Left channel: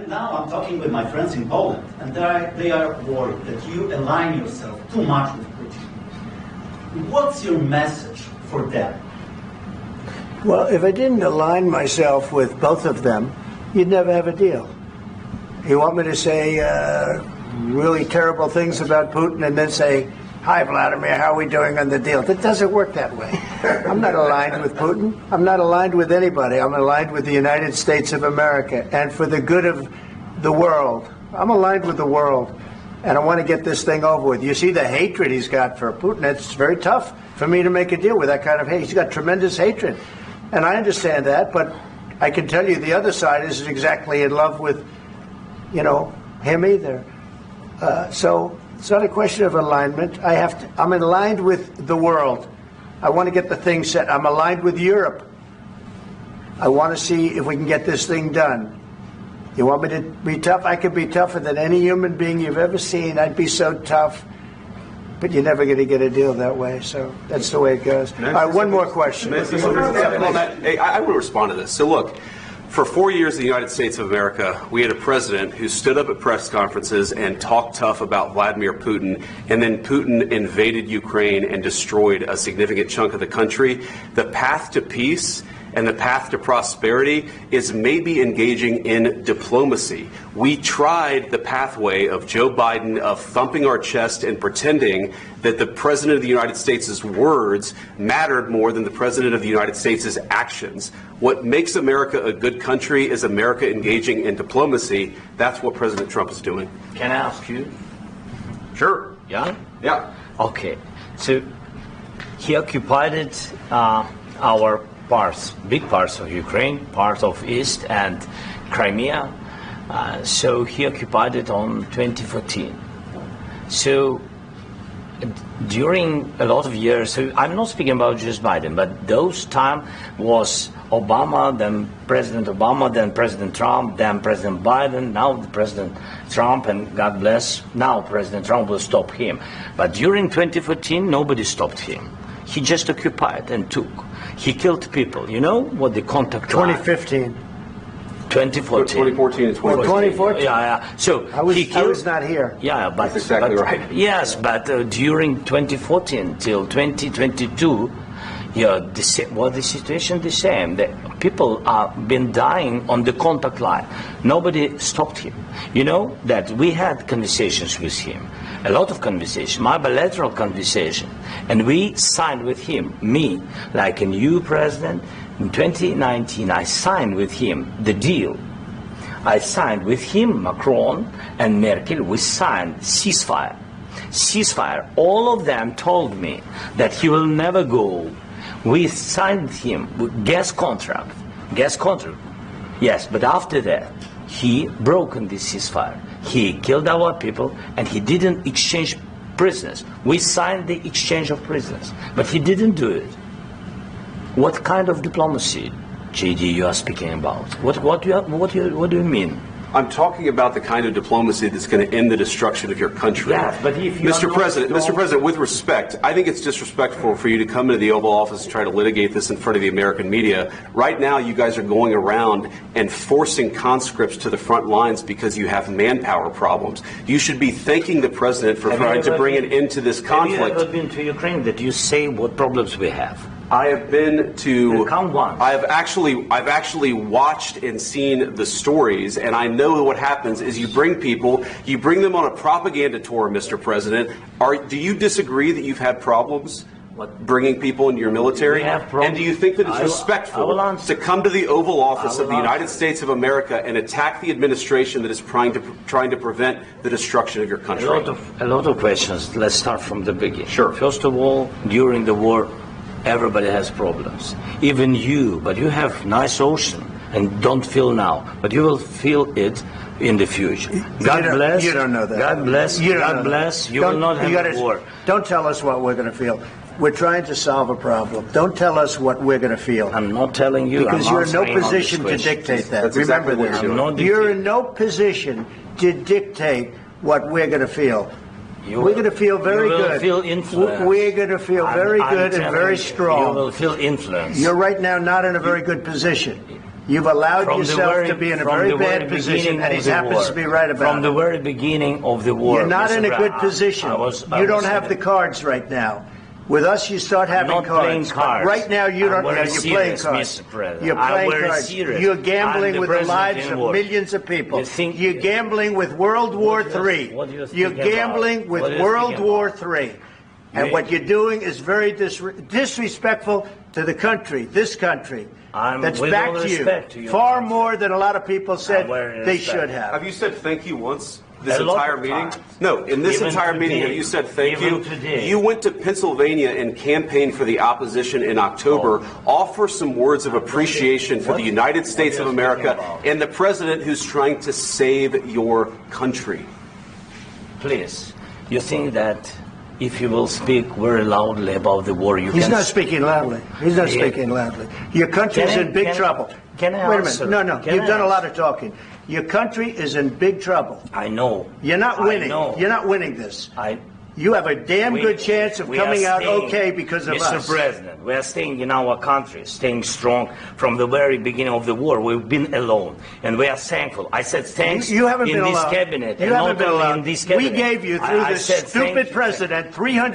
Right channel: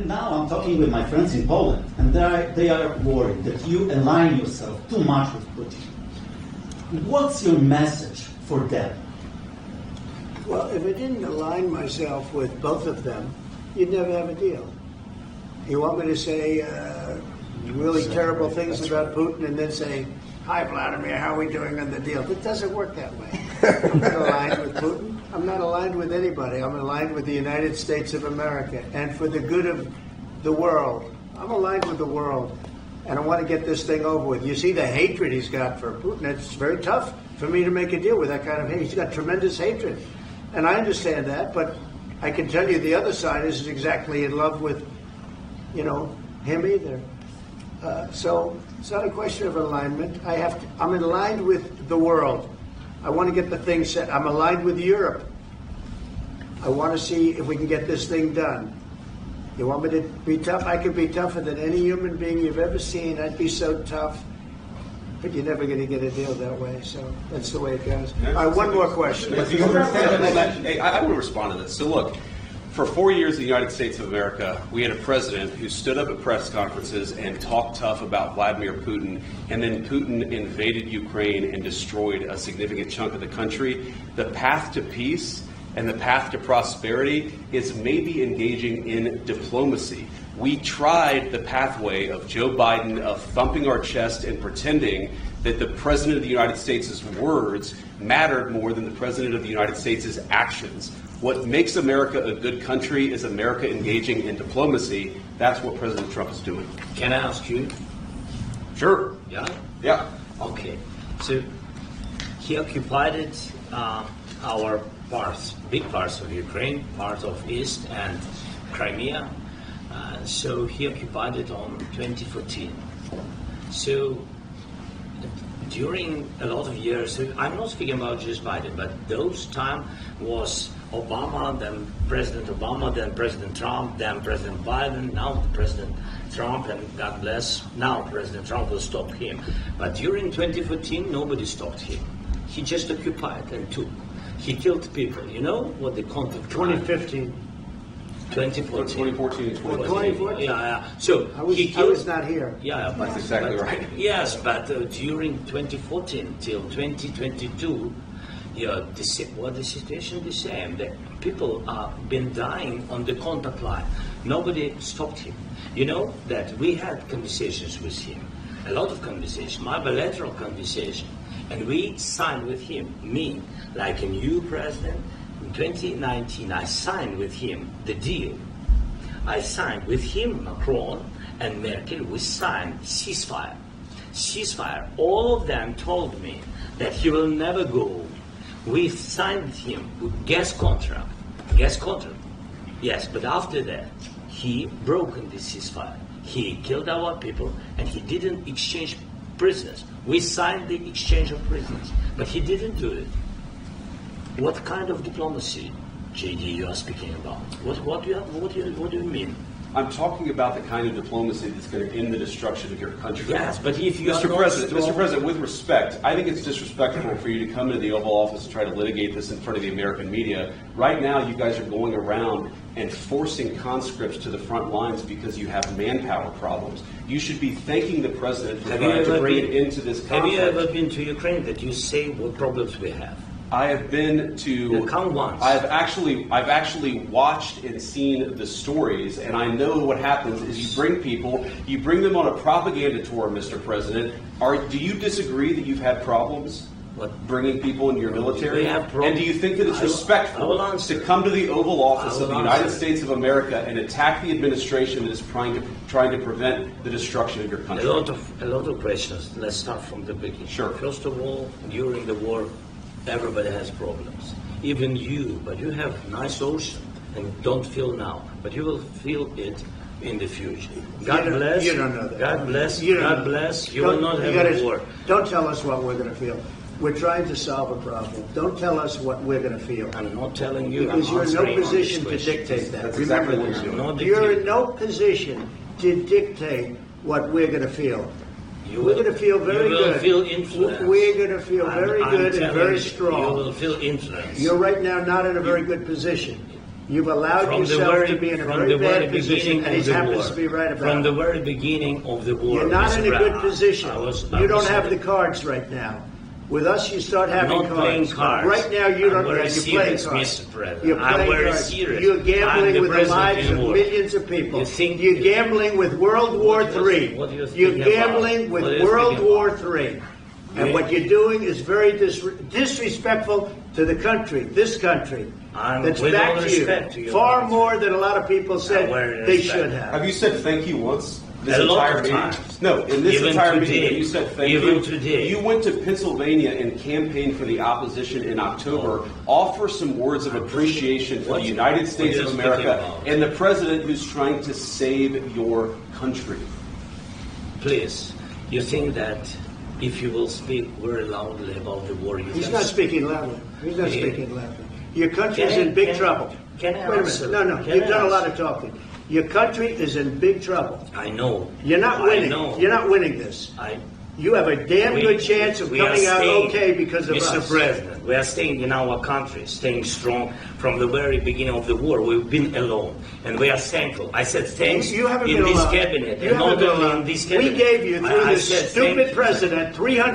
And now I'm talking with my friends in Poland, and they are worried that you align yourself too much with Putin. What's your message for them? Well, if I didn't align myself with both of them, you'd never have a deal. You want me to say really terrible things about Putin and then say, "Hi, Vladimir, how are we doing on the deal?" It doesn't work that way. I'm not aligned with Putin. I'm not aligned with anybody. I'm aligned with the United States of America and for the good of the world. I'm aligned with the world, and I want to get this thing over with. You see the hatred he's got for Putin. It's very tough for me to make a deal with that kind of hate. He's got tremendous hatred, and I understand that, but I can tell you the other side isn't exactly in love with, him either. So it's not a question of alignment. I'm aligned with the world. I want to get the thing set. I'm aligned with Europe. I want to see if we can get this thing done. You want me to be tough? I could be tougher than any human being you've ever seen. I'd be so tough. But you're never going to get a deal that way. So that's the way it goes. All right, one more question. I want to respond to this. So look, for 4 years in the United States of America, we had a president who stood up at press conferences and talked tough about Vladimir Putin, and then Putin invaded Ukraine and destroyed a significant chunk of the country. The path to peace and the path to prosperity is maybe engaging in diplomacy. We tried the pathway of Joe Biden of thumping our chest and pretending that the President of the United States' words mattered more than the President of the United States' actions. What makes America a good country is America engaging in diplomacy. That's what President Trump is doing. Can I ask you? Sure. Yeah? Yeah. Okay. So he occupied our parts, big parts of Ukraine, part of East and Crimea. So he occupied it on 2014. So during a lot of years, so I'm not speaking about just Biden, but those time was Obama, then President Obama, then President Trump, then President Biden, now President Trump, and God bless, now President Trump will stop him. But during 2014, nobody stopped him. He just occupied and took. He killed people. You know what the contact 2015. 2014 2014. and 2015. 2014. Yeah. So I was not here. Yeah, but that's exactly right. Yes, but during 2014 till 2022, the situation the same. The people have been dying on the contact line. Nobody stopped him. You know that we had conversations with him, a lot of conversations, my bilateral conversation, and we signed with him, me, like a new president. In 2019, I signed with him the deal. I signed with him, Macron and Merkel, we signed ceasefire. Ceasefire. All of them told me that he will never go. We signed with him with gas contract. Gas contract. Yes, but after that, he broken this ceasefire. He killed our people and he didn't exchange prisoners. We signed the exchange of prisoners, but he didn't do it. What kind of diplomacy, JD, you are speaking about? What do you mean? I'm talking about the kind of diplomacy that's going to end the destruction of your country. Yes, but if you Mr. President, with respect, I think it's disrespectful for you to come into the Oval Office and try to litigate this in front of the American media. Right now, you guys are going around and forcing conscripts to the front lines because you have manpower problems. You should be thanking the President for trying to bring an end to this conflict. Have you ever been to Ukraine that you say what problems we have? I have been to. Count once. I've actually watched and seen the stories, and I know what happens is you bring them on a propaganda tour, Mr. President. Do you disagree that you've had problems bringing people into your military? And do you think that it's respectful to come to the Oval Office of the United States of America and attack the administration that is trying to prevent the destruction of your country? A lot of questions. Let's start from the beginning. Sure. First of all, during the war, everybody has problems, even you, but you have nice ocean and don't feel now, but you will feel it in the future. God bless. You don't know that. God bless. God bless. You will not have a war. Don't tell us what we're going to feel. We're trying to solve a problem. Don't tell us what we're going to feel. I'm not telling you. Because you're in no position to dictate that. That's Remember exactly this. what You're in no position to dictate what we're going to feel. We're going to feel very good. Feel influence. We're going to feel very good and very strong. You will feel influence. You're right now not in a very good position. You've allowed From the yourself very- to be in a from very the very bad position, beginning and he of the happens war. to be right about From the it. very beginning of the war. You're not Mr. in a good Brown, position. I was You don't have the saying- cards right now. With us, you start having not playing cards. cards. Right now, you I'm don't. very You're playing serious, cards. Mr. President. You're I'm playing very cards. serious. You're I'm gambling the with the president lives in of war. millions of people. You think- You're gambling with World War III. what you're You're speaking gambling about? with What you're World speaking War about? III. And what you're doing is very disrespectful to the country, this country. I'm That's with back all to you. respect to your Far country. more than a lot of people said very they respect. should have. Have you said thank you once this A lot entire of meeting? times. No, in this Even entire meeting, today. have you said thank Even you? today. You went to Pennsylvania and campaigned for the opposition in October. Offer some words of appreciation for the United States what of are you speaking America about? and the president who's trying to save your country. Please, you think that if you will speak very loudly about the war, you He's can... not speaking loudly. He's not Yeah. speaking loudly. Your country's Can I- in big can- trouble. can I Wait a answer? minute. No, Can You've I done a lot answer? of talking. Your country is in big trouble. I know. You're not I winning. know. You're not winning this. You have a damn We- good chance of we are coming out staying, okay because of Mr. us. President, we are staying in our country, staying strong from the very beginning of the war. We've been alone, and we are thankful. I said thanks You haven't in been this alone. cabinet, You and haven't not been only alone. in this We cabinet. gave you, through I this said stupid thank- president,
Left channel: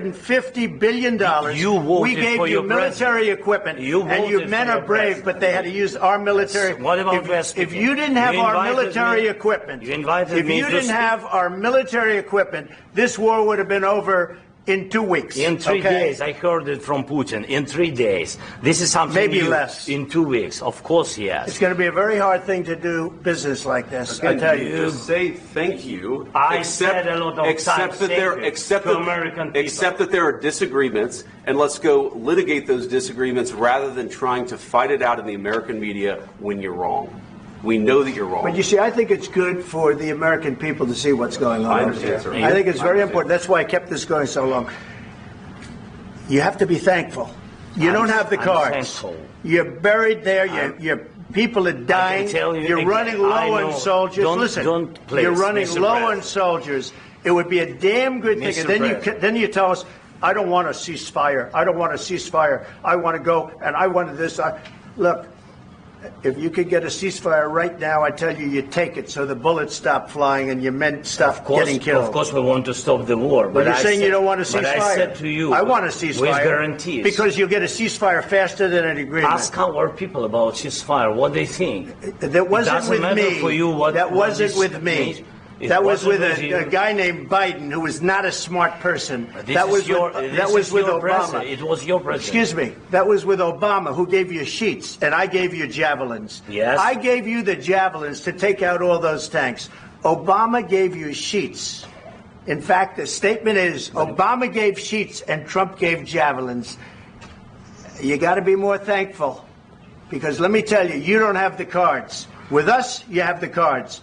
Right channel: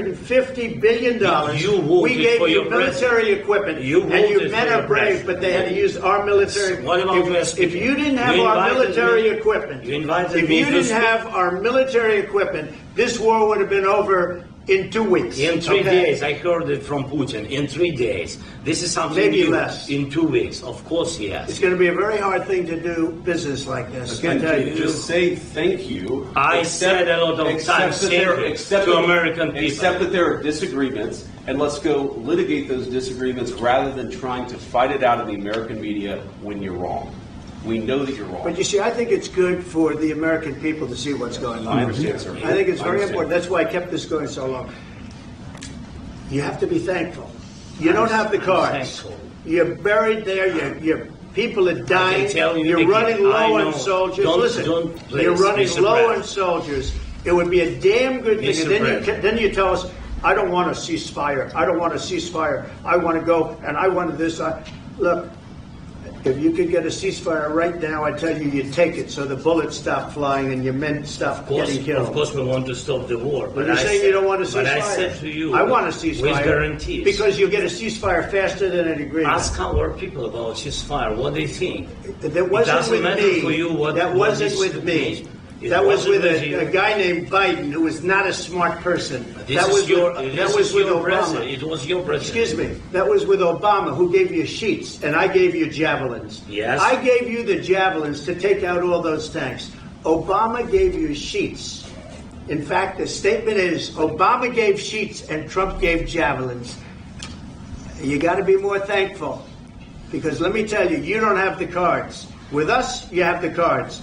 $350 billion. You voted we gave for you your military president. equipment, You and you voted men for are your brave, president. but they had to use our military. What about you are If speaking? you didn't have You our invited military me- equipment, you invited if me you to didn't speak. have our military equipment, this war would have been over in 2 weeks. In 3 okay? days, I heard it from Putin. In 3 days, this is something Maybe new. less. In 2 weeks, of course, yes. It's going to be a very hard thing to do business like this. I Again, tell you. just say thank you. I said a lot of except times that there, thank you except to that- American people. Except that there are disagreements, and let's go litigate those disagreements rather than trying to fight it out in the American media when you're wrong. We know that you're wrong. But you see, I think it's good for the American people to see what's going on. I understand, sir. I think it's I very understand. important. That's why I kept this going so long. You have to be thankful. You don't have the I'm cards. thankful. You're buried there. Your people are dying. tell you You're again, running I low know. on soldiers. Don't- Listen, don't please, you're running Mr. low President. on soldiers. It would be a damn good thing. Mr. And then President. then you tell us, I don't want a ceasefire. I don't want a ceasefire. I want to go, and I want this. Look, if you could get a ceasefire right now, I tell you, you take it so the bullets stop flying and your men stop getting killed. Of course, we want to stop the war. But you're I saying said- you don't want a ceasefire. But I said to you, I want a ceasefire. with guarantees. Because you'll get a ceasefire faster than an agreement. Ask our people about ceasefire, what they think. That wasn't doesn't with matter me. for you what- that what wasn't this with me. means. It That was with wasn't with a you. guy named Biden, who was not a smart person. This That is was your, with, this that was is with your Obama. president. It was your president. Excuse me. That was with Obama, who gave you sheets, and I gave you javelins. Yes. I gave you the javelins to take out all those tanks. Obama gave you sheets. In fact, the statement is Obama gave sheets and Trump gave javelins. You got to be more thankful, because let me tell you, you don't have the cards. With us, you have the cards.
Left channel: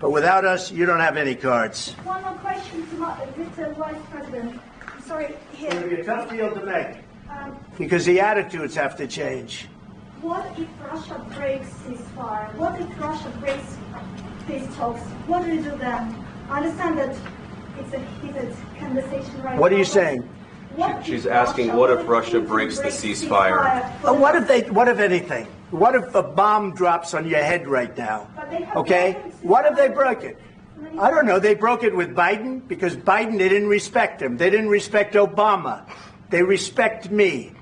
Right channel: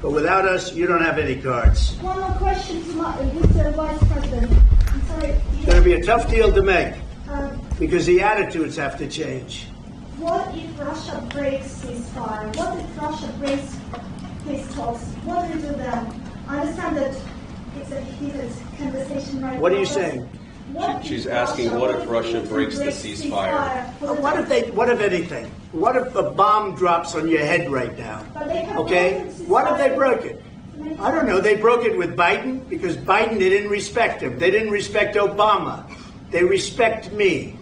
But without us, you don't have any cards. One more question to Mr. Vice President. I'm sorry. It's going to be a tough deal to make, Um, because the attitudes have to change. what if Russia breaks ceasefire? What if Russia breaks peace talks? What do we do then? I understand that it's a heated conversation right now. What are you but saying? what if She's asking, what if Russia Putin breaks the breaks ceasefire? What if anything? What if a bomb drops on your head right now? But they have Okay? broken ceasefire. What if they broke it? I don't know. They broke it with Biden, because Biden, they didn't respect him. They didn't respect Obama. They respect me.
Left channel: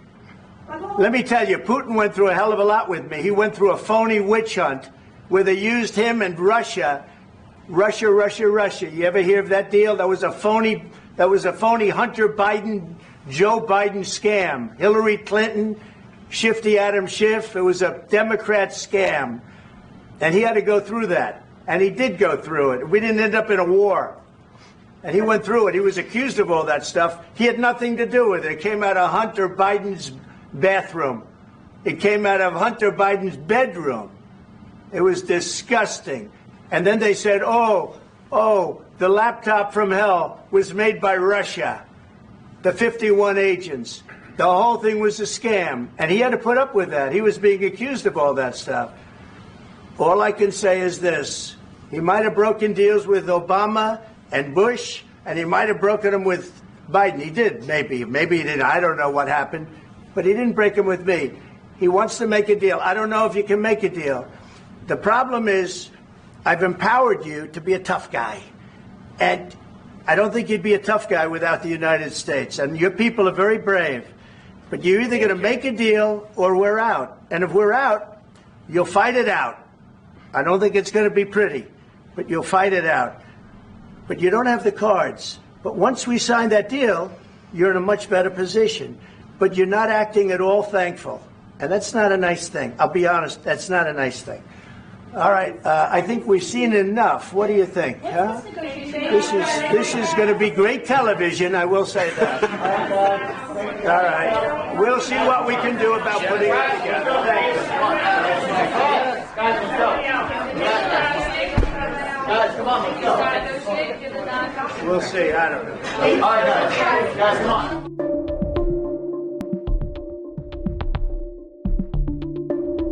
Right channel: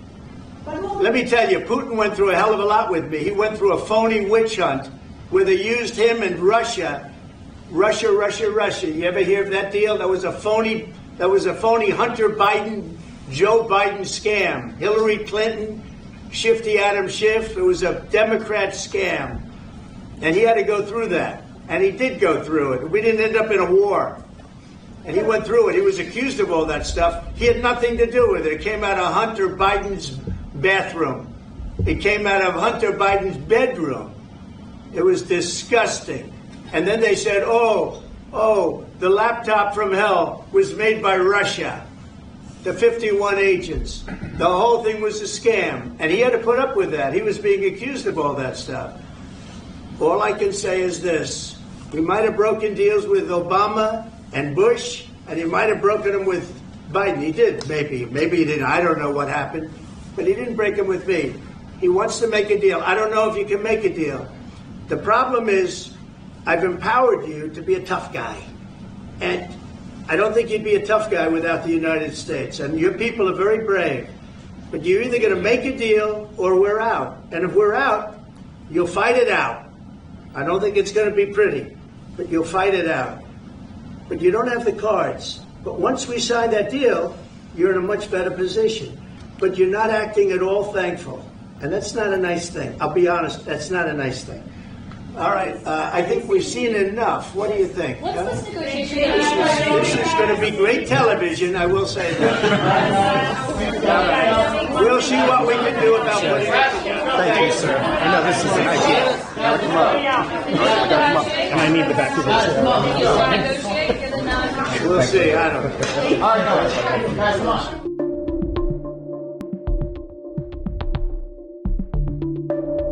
But what- Let me tell you, Putin went through a hell of a lot with me. He went through a phony witch hunt where they used him and Russia. Russia. You ever hear of that deal? That was a phony Hunter Biden, Joe Biden scam. Hillary Clinton, Shifty Adam Schiff. It was a Democrat scam. And he had to go through that. And he did go through it. We didn't end up in a war. And he went through it. He was accused of all that stuff. He had nothing to do with it. It came out of Hunter Biden's bathroom. It came out of Hunter Biden's bedroom. It was disgusting. And then they said, oh, the laptop from hell was made by Russia. The 51 agents. The whole thing was a scam. And he had to put up with that. He was being accused of all that stuff. All I can say is this. He might have broken deals with Obama and Bush, and he might have broken them with Biden. He did, maybe. Maybe he didn't. I don't know what happened. But he didn't break them with me. He wants to make a deal. I don't know if you can make a deal. The problem is I've empowered you to be a tough guy. And I don't think you'd be a tough guy without the United States. And your people are very brave. But you're either going to make a deal or we're out. And if we're out, you'll fight it out. I don't think it's going to be pretty, but you'll fight it out. But you don't have the cards. But once we sign that deal, you're in a much better position. But you're not acting at all thankful. And that's not a nice thing. I'll be honest, that's not a nice thing. All right, I think we've seen enough. What do you think? Huh? This is going to be great television, I will say that. All right. We'll see what we can do about putting it together. Thanks, sir. I need the back of this. We'll see. I don't know.